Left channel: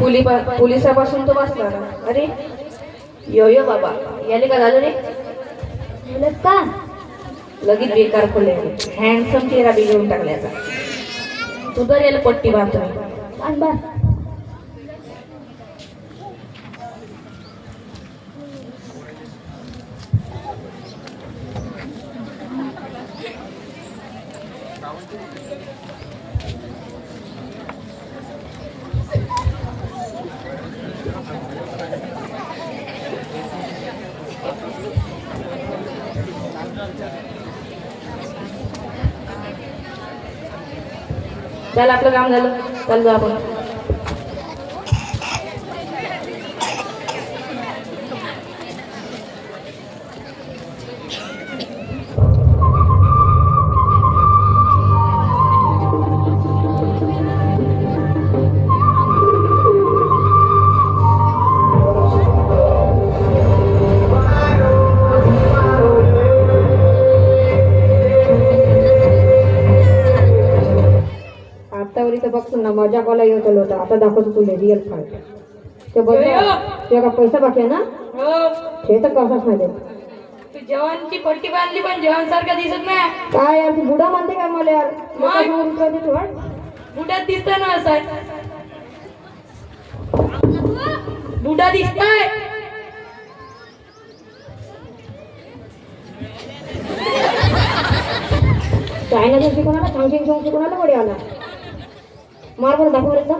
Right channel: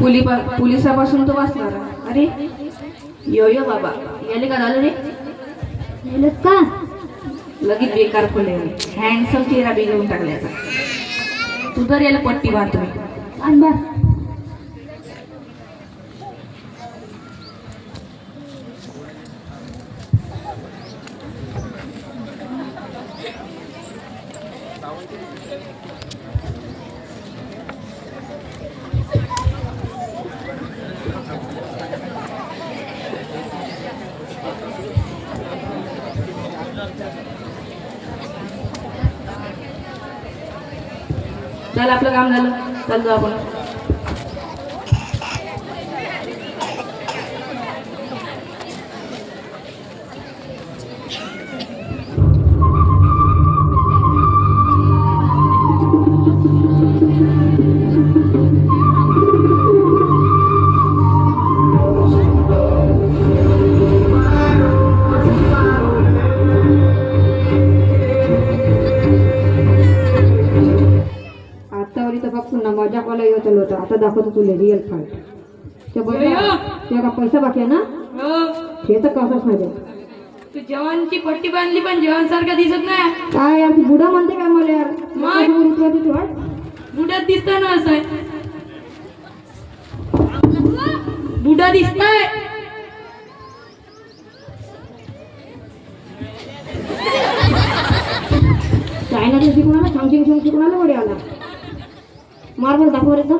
पोलिसापासून तो वाचला. अरे यो यो बाबा याले का झालं रे? का लगेच बेकार पडले. हँडसम चेहरा बी घेऊन टाकल्याचा. तू तर याला पट्टी बांधतो मी. अंबा चल आपलं काम झालं. चल जाऊ आपण. आतावरी तर बघतो ना मजा कॉला येत आलो होता. आता दाखवतो तुला रिअल फाईट. ते बघ तुझ्या का पैसा बाकी आहे ना? हे तर कसंच नाही देत. तू जवानची पट्टी बांधली पण जवान सारखा दिसत नाही. काय यार तू बुडा म्हणते काय मला यार? बुडात दिसताय ना असं आहे. बुडा दिसताय. चायना तर शिकवणार सांगशिंग शिकवणार कडे आला. मार बरं दाखव एकदा.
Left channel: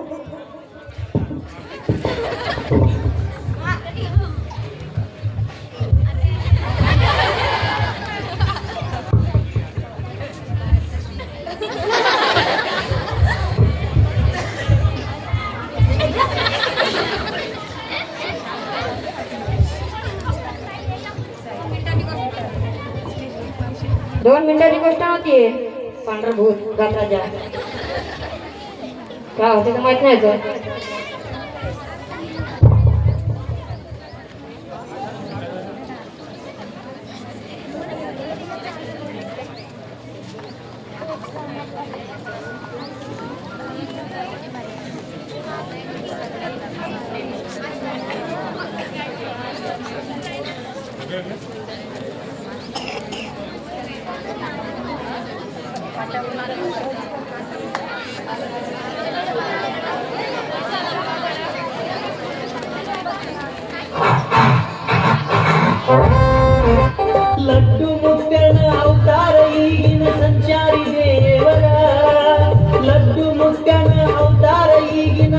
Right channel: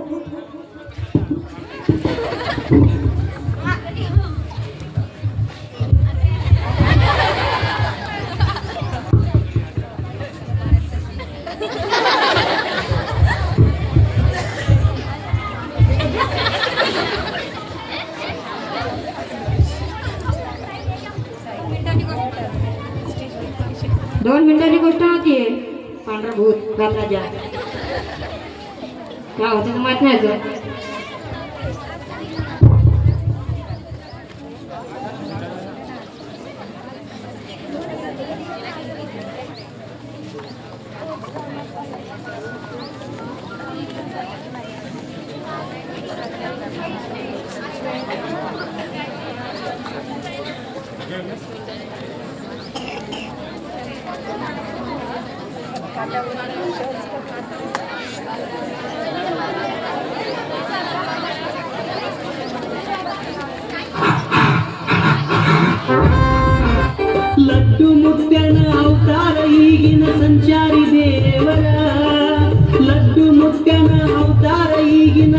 दोन मिनिटाची गोष्ट नव्हती. पांढरा भूत राजा काय होते तर माहित नाही तर. ಲಡ್ಡು ಮುಟ್ಟನ ಅವತಾರ ಈಗಿನ ಸಂಚಾರಿ ದೇವರ. लड्डू मुट्ट्यान अवतार ಈಗಿನ.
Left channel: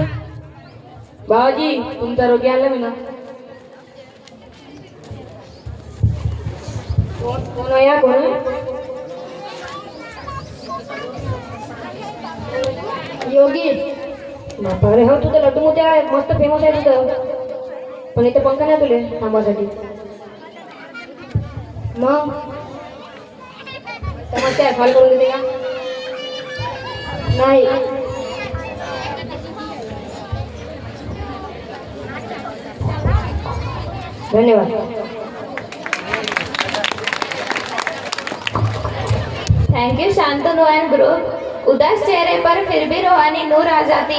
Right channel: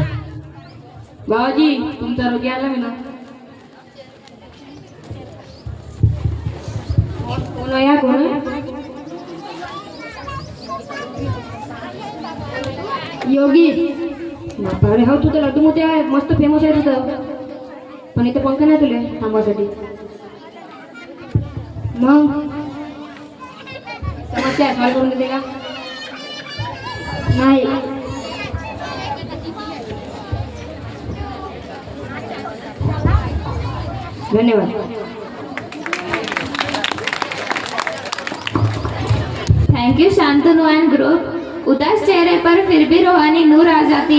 बाबाजी तुमचा रोगी आला मी ना. कोण आहे कोण? योगी. अरे हो तुझं लड्डू मोठे आहे मस्त फेमस आहे तुझं. पण इथं पंख नाही तुले थांबासाठी. मग समस्या आहे कॉल करून देते का? नाही धन्यवाद. Thank you Shantanu end group. उदास चेहरे पर फिर भी रूहानी नूर आ जाती